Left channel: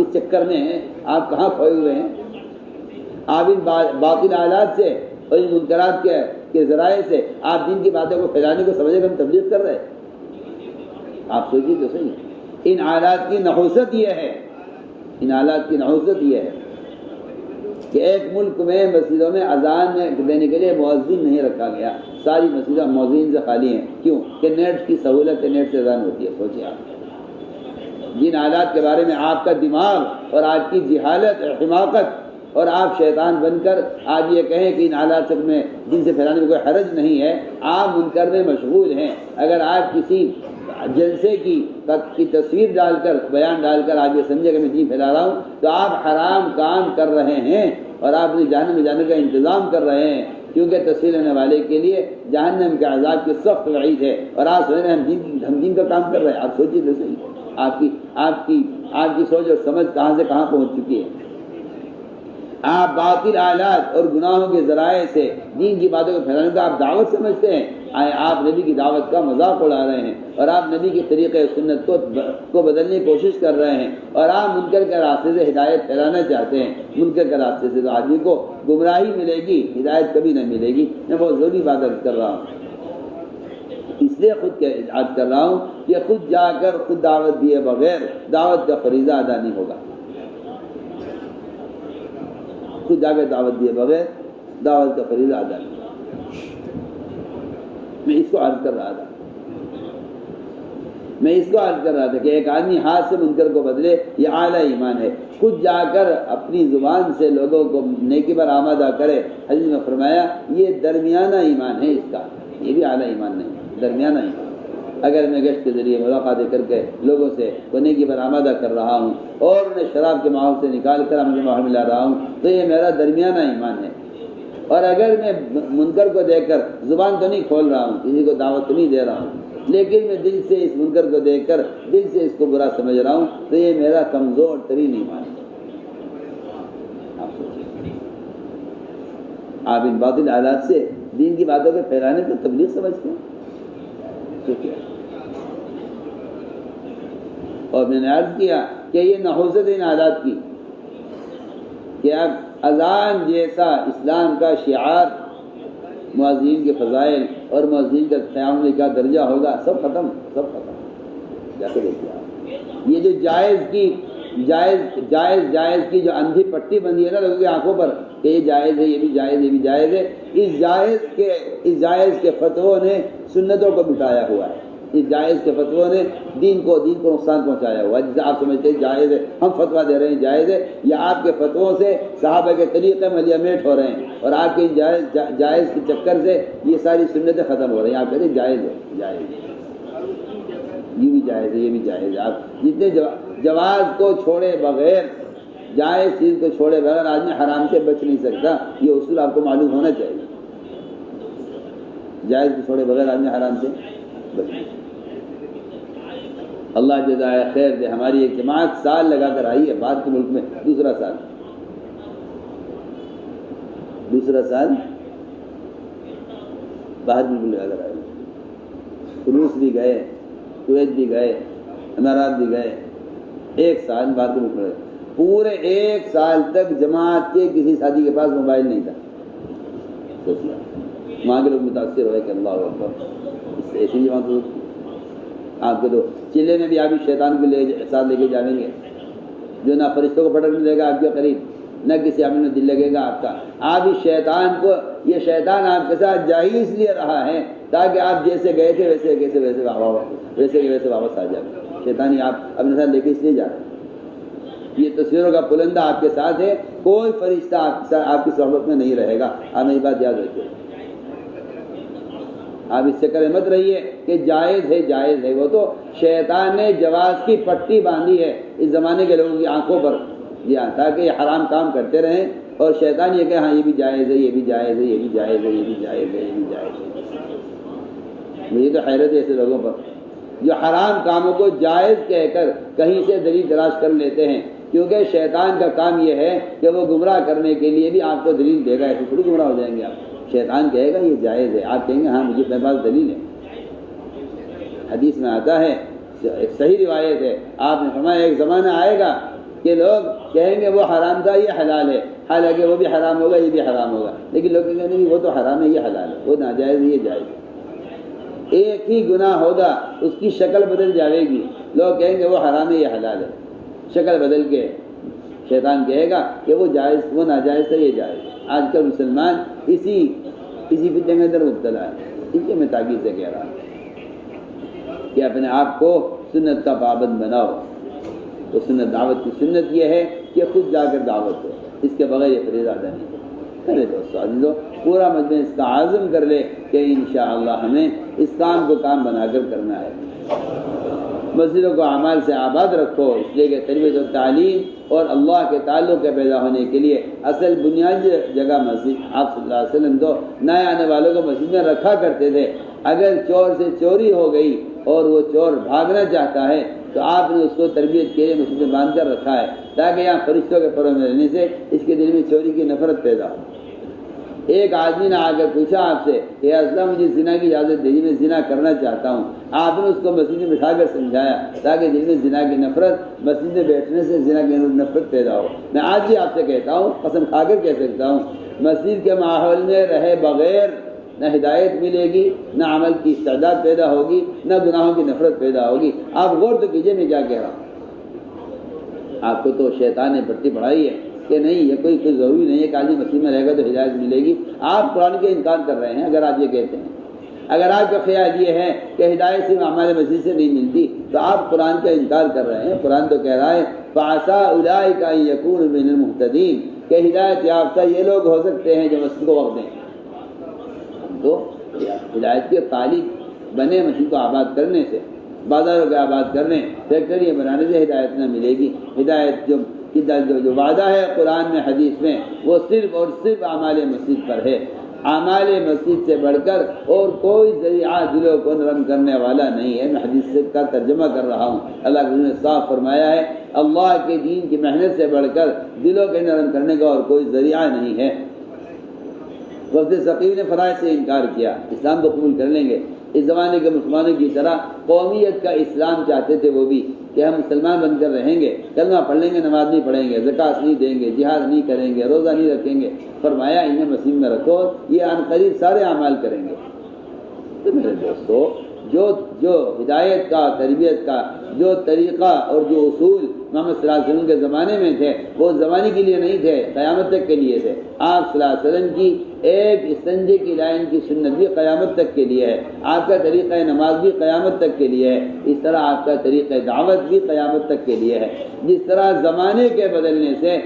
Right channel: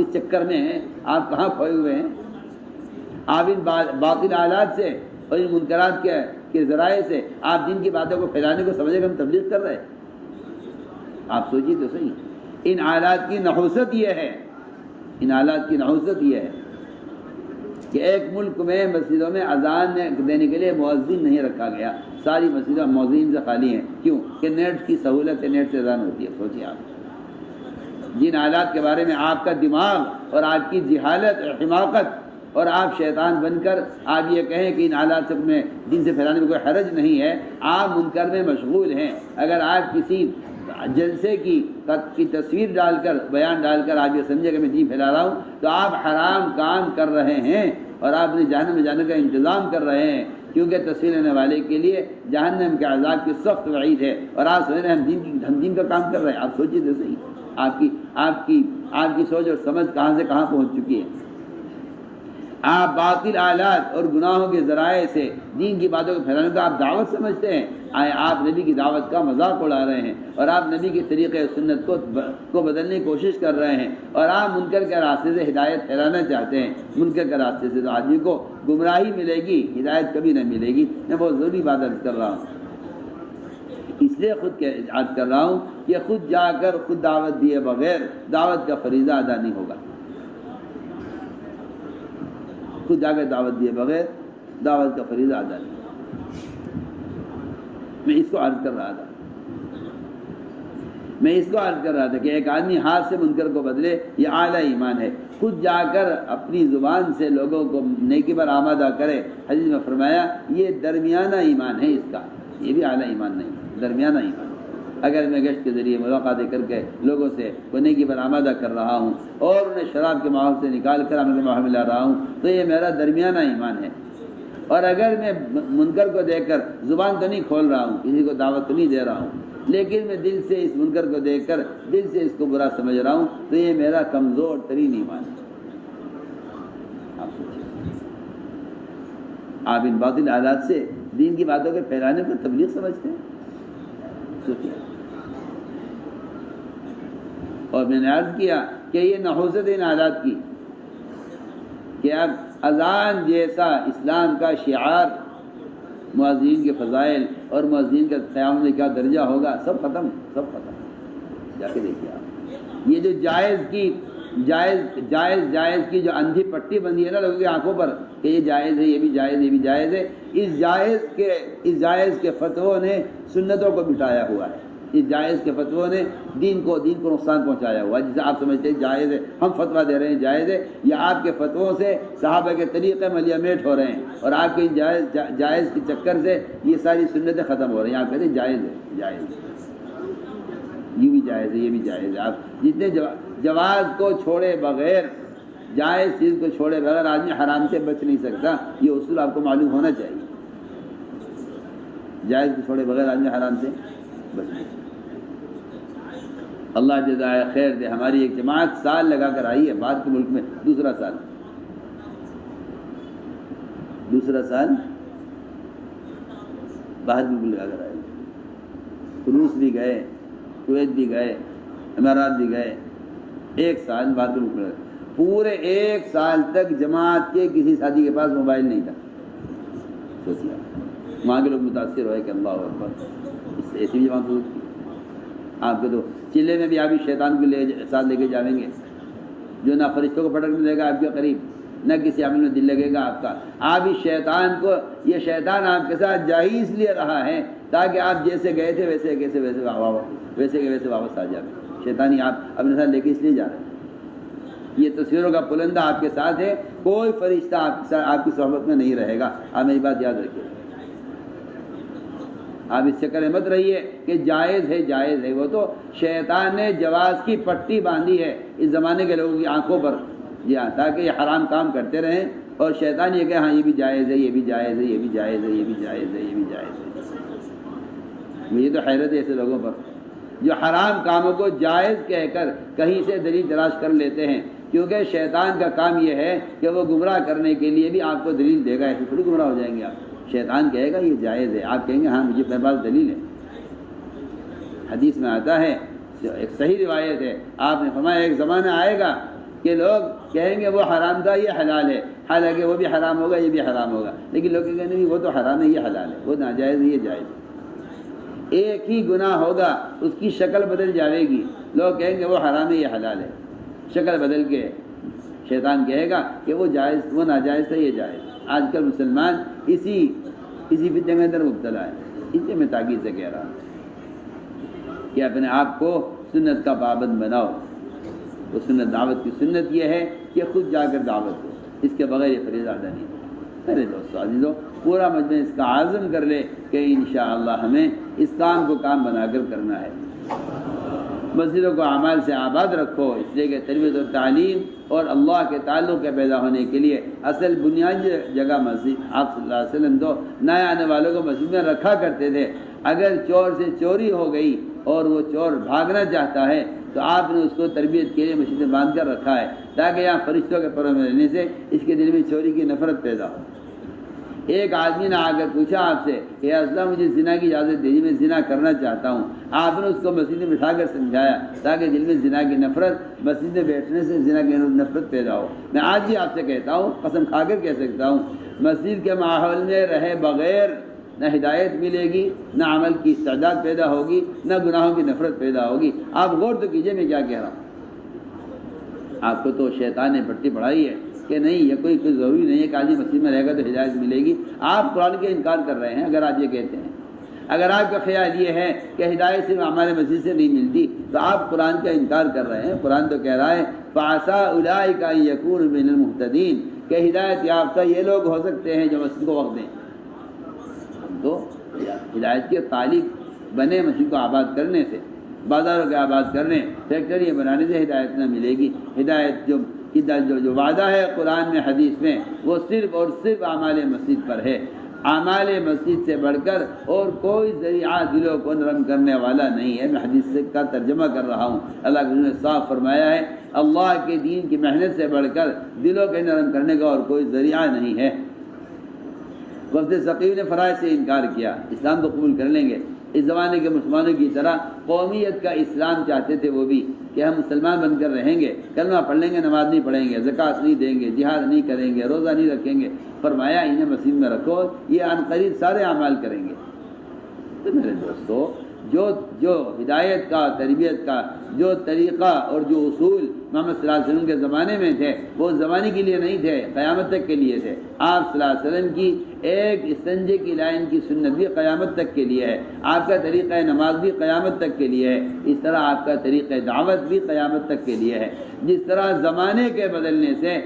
کس چکر میں ہیں؟ آپ کہاں کھوئے ہوئے ہیں؟ آپ ان باطل آلات سے اور ان منکرات کے ذرائع سے آپ دین کی باتوں کو پھیلانے کو سمجھے کہ ہم تبلیغ کر رہے ہیں؟ آپ سوچیے تو صحیح. ان آلات کی نحوست یہ ہے، ان آلات کی نحوست یہ ہے کہ ایک ملک میں مسجدوں میں اذان دینے کے لیے مؤذن نہیں رکھا گیا. ساری مسجدیں مؤذن سے خالی ہیں. کیوں؟ کہ نیٹ کی سہولت ہے، نیٹ سے اذان ہوتی ہے. سوچیے آپ جن آلات کے بارے میں آپ کا دماغ اور آپ کی جہالت اور حماقت، اور آپ شیطان بن کر آج یہ کہیں کہ ان آلات سے میں دین سے پھیلانے میں کوئی حرج نہیں ہے. آپ منکر میں مشغول ہیں. اگر آپ کسی جلسے کی تصویر ڈال کر، بیان ڈال کر آپ یہ سمجھے کہ میں دین پھیلا رہا ہوں، تو آپ حرام کام کر رہے ہیں اور آپ نے جہنم میں جانے کا انتظام کر رہے ہیں. کیونکہ تصویر لینے والے کے لیے جہنم کے عذاب کی سخت وعید ہے، اور آپ سمجھ رہے ہیں ہم دین کا کام کر رہے ہیں. آپ سوچیے تو صحیح آپ کی سوچ اور سمجھ کہاں سے کہاں پہنچ چکی ہے. آپ باطل آلات اور گناہوں کے ذرائع سے دین کی باتوں کو پھیلانے کا آپ دعوت سمجھتے ہیں. آپ نبی کی دعوت کا مذاق اڑا رہے ہیں، اور آپ نبی کے طریقے سنت کو بدلنے کی کوشش کر رہے ہیں، اور آپ منکر کے راستے سے ہدایت پھیلانا چاہتے ہیں. منکر کے راستے سے تو آدمی کو گمراہی ملے گی، ہدایت کبھی نہ ملے گی. میں بہت ضروری بات عرض کر رہا ہوں، اس لیے خود عرض کر رہا ہوں کہ خود جا کر خود دعوت دیے بغیر دعوت کا فریضہ ادا نہیں ہوگا. خود جا کے دعوت دیے بغیر دعوت کا فریضہ ادا نہیں. میں اس کو عرض کر رہا تھا کہ ایک آدمی ہاتھ سے منکر کو بدلے، یہ اعلیٰ ایمان ہے. خود جا کر اپنی زبان سے لوگوں کو نیکی پر آمادہ کرے. حدیث میں فرمایا یہ درمیانہ ایمان ہے اس کا، یہ بھی اعلیٰ ایمان نہیں، درمیانہ ایمان. اگر میں گشت کے ذریعے ملاقاتیں کر کے لوگوں سے نیکی پر آمادہ کر رہا ہوں اور انہیں شراب کے ماحول سے نکال کر ہم کے ماحول میں لا رہا ہوں، تو یہ میرا درمیانہ ایمان ہے. اور اگر میں منکر کو دیکھ کر زبان تو نہیں کھول رہا ہوں، کسی کو دعوت تو نہیں دے رہا ہوں، لیکن میں دل سے اس منکر کو دیکھ کر دل سے اس کو برا سمجھ رہا ہوں، تو یہ میرا کمزور ترین ایمان ہے. آپ ان باطل آلات سے دین کی باتوں کے پھیلانے کو تبلیغ سمجھتے ہیں. اور میں نے عرض کیا کہ یہ نحوست ان آلات کی کہ اب اذان جیسا اسلام کا شعار، مؤذنین کے فضائل اور مؤذنین کا قیام میں کیا درجہ ہوگا، سب ختم. جا کے دیکھیے آپ یہ جو جائز کی جو اندھی پٹی بندی ہے نا لوگوں کی آنکھوں پر کہ یہ جائز ہے، یہ بھی جائز ہے، یہ بھی جائز ہے، اس جائز کے فتووں نے سنتوں کو مٹایا ہوا ہے. اس جائز کے فتووں نے دین کو نقصان پہنچایا ہوا ہے. جسے آپ سمجھتے ہیں جائز ہے، ہم فتویٰ دے رہے ہیں جائز ہے، یا آپ کے فتووں سے صحابہ کے طریقے ملیا میٹ ہو رہے ہیں، اور آپ کے جائز کے چکر سے یہ ساری سنتیں ختم ہو رہی ہیں. آپ کہتے ہیں جائز ہے، یہ بھی جائز ہے، یہ بھی جائز ہے. آپ جتنے جواز کو چھوڑے بغیر، جائز چیز کو چھوڑے بغیر آدمی حرام سے بچ نہیں سکتا. یہ اصول آپ کو معلوم ہونا چاہیے. جائز کو چھوڑے بغیر آدمی حرام سے بچ نہیں سکتا. اللہ جزائے خیر دے. ہماری ایک جماعت سال لگا کر آئی ہے بعد کے ملک میں، دوسرا سال باہر ملک لگا کر آئی. روس بھی گئے، کویت بھی گئے، امارات بھی گئے. ایک سال بعد کے ملک میں پورے ایک سال تک جماعت کے کسی ساتھی کے پاس موبائل نہیں تھا. وہاں کے لوگ متاثر ہوئے کہ اللہ اکبر، ایسی جماعت ہوتی. آپ کے تو چلے میں بھی آپ شیطان کو ساتھ لے کے جائیں گے، جو نہ فرشتوں کو پٹکنے دے گا آپ کے قریب، نہ کسی عمل میں دل لگے گا آپ کا. آپ اس شیطان کو، یہ شیطان آپ کے ساتھ جا ہی اس لیے رہا ہے تاکہ آپ جیسے گئے تھے ویسے واپس آ جائیں. شیطانی آپ اپنے ساتھ لے کے اس لیے جا رہے ہیں. یہ تصویروں کا پلندہ آپ کے ساتھ ہے، کوئی فرشتہ آپ کی صحبت میں نہیں رہے گا. آپ نے یہ بات یاد رکھیے. آپ اس چکر میں مت رہیے کہ جائز ہے. وہ تو شیطان نے جواز کی پٹی باندھی ہے اس زمانے کے لوگوں کی آنکھوں پر، جی ہاں، تاکہ یہ حرام کام کرتے رہیں. اور شیطان یہ کہ ہاں یہ بھی جائز ہے، یہ بھی جائز ہے، یہ بھی جائز ہے، یہ بھی جائز ہے، یہ بھی جائز ہے. مجھے تو حیرت ہے ایسے لوگوں پر جو حرام کاموں کو جائز کہہ کر کہیں سے دلیل تلاش کر لیتے ہیں. کیونکہ شیطان کا کام یہ ہے کہ وہ گمراہ کرنے کے لیے بھی آپ کو دلیل دے گا. ایسے تھوڑی گمراہ ہو جائیں گے آپ. شیطان کہے گا یہ جائز ہے، آپ کہیں گے ہاں مجھے میرے پاس دلیل ہے. حدیث میں آتا ہے، ایک صحیح روایت ہے، آپ نے فرمایا ایک زمانہ آئے گا کہ لوگ کہیں گے وہ حرام تھا یہ حلال ہے، حالانکہ وہ بھی حرام ہوگا یہ بھی حرام ہوگا، لیکن لوگ کہیں گے نہیں وہ تو حرام ہے یہ حلال ہے، وہ ناجائز یہ جائز ہے۔ ایک ہی گناہ ہوگا، اس کی شکل بدل جائے گی، لوگ کہیں گے وہ حرام ہے یہ حلال ہے، شکل بدل کے شیطان کہے گا کہ وہ جائز وہ ناجائز ہے یہ جائز۔ آج کل مسلمان اسی فتنے میں اندر مبتلا ہے۔ اس لیے میں تاکید سے کہہ رہا ہوں کہ اپنے آپ کو سنت کا پابند بناؤ۔ تو سنت دعوت کی سنت یہ ہے کہ خود جا کر دعوت ہو، اس کے بغیر یہ فریضہ ادا نہیں کرے۔ دوستو عزیزو، پورا مجمع اس کا عزم کر لے کہ انشاءاللہ ہمیں اس کام کو کام بنا کر کرنا ہے۔ مسجدوں کو اعمال سے آباد رکھو، اس لیے کہ تربیت و تعلیم اور اللہ کے تعلق کے پیدا ہونے کے لیے اصل بنیادی جگہ مسجد۔ آپ صلی اللہ علیہ وسلم تو نئے آنے والوں کو مسجد میں رکھا کرتے تھے۔ اگر چور سے چوری ہو گئی اور وہ چور بھاگنا چاہتا ہے تو آپ نے اس کو تربیت کے لیے مسجد میں باندھ کر رکھا ہے، تاکہ یہاں فرشتوں کے پروں میں رہنے سے اس کے دل میں چوری کی نفرت پیدا ہو۔ ایک آدمی نے آ کر پوچھا آپ سے کہ یا رسول اللہ مجھے زنا کی اجازت دیجیے، میں زنا کرنا چاہتا ہوں۔ آپ نے اس کو مسجد میں بٹھا کر سمجھایا تاکہ دل میں زنا کی نفرت، مسجد میں بیٹھنے سے زنا کی نفرت پیدا ہو۔ میں آج بھی آپ سے کہتا ہوں، قسم کھا کر کہہ سکتا ہوں، مسجد کے ماحول میں رہے بغیر نہ ہدایت ملے گی، نہ عمل کی استعداد پیدا ہوگی، نہ گناہوں کی نفرت پیدا ہوگی۔ آپ غور تو کیجئے میں کیا کہہ رہا ہوں۔ آپ کو تو شیطان نے پٹی پڑھائی ہے کہ نہیں یہ کوئی ضروری نہیں ہے کہ آدمی مسجد میں رہے گا تو ہدایت ملے گی۔ آپ قرآن کے انکار کر رہے ہیں اگر آپ یہ کہتے ہیں۔ اگر آپ کا خیال یہ ہے کہ ہدایت صرف ہمارے مسجد سے نہیں ملتی تو آپ قرآن کا انکار کر رہے ہیں۔ قرآن تو کہہ رہا ہے فَعَسَىٰ أُولَٰئِكَ أَن يَكُونُوا مِنَ الْمُهْتَدِينَ کہ ہدایت یافتہ یہ لوگ ہو سکتے ہیں جو مسجد کو وقت دیں۔ تو ہدایت کے خالق بنے مسجد کو آباد کرنے سے، بازاروں کے آباد کرنے، فیکٹری بنانے سے ہدایت نہ ملے گی۔ ہدایت جو وعدہ ہے قرآن میں حدیث میں وہ صرف اور صرف اعمال مسجد پر ہے۔ اعمال مسجد سے بڑھ کر اور کوئی ذریعہ دلوں کو نرم کرنے والا نہیں ہے۔ میں حدیث کا ترجمہ کر رہا ہوں۔ اللہ نے صاف فرمایا ہے اللہ کے دین کی محنت سے بڑھ کر دلوں کے نرم کرنے کا اور کوئی ذریعہ نہیں ہے۔ وفد ثقیف نے فرائض سے انکار کیا، اسلام کو قبول کر لیں گے۔ اس زمانے کے مسلمانوں کی طرح قومیت کا اسلام چاہتے تھے وہ بھی کہ ہم مسلمان بن کر رہیں گے، کلمہ پڑھ لیں گے، نماز نہیں پڑھیں گے، زکوٰۃ نہیں دیں گے، جہاد نہیں کریں گے، روزہ نہیں رکھیں گے۔ فرمایا انہیں مسجد میں رکھو، یہ عنقریب سارے اعمال کریں گے۔ تو میرے دوستو، جو ہدایت کا، تربیت کا جو طریقہ اور جو اصول محمد صلی اللہ علیہ وسلم کے زمانے میں تھے وہ زمانے کے لیے نہیں تھے، قیامت تک کے لیے تھے۔ آپ صلی اللہ علیہ وسلم کی ایک استنجے کی لائن کی سنت بھی قیامت تک کے لیے ہے، آپ کا طریقہ نماز بھی قیامت تک کے لیے ہے، اس طرح آپ کا طریقہ دعوت بھی قیامت تک کے لیے ہے۔ جس طرح زمانے کے بدلنے سے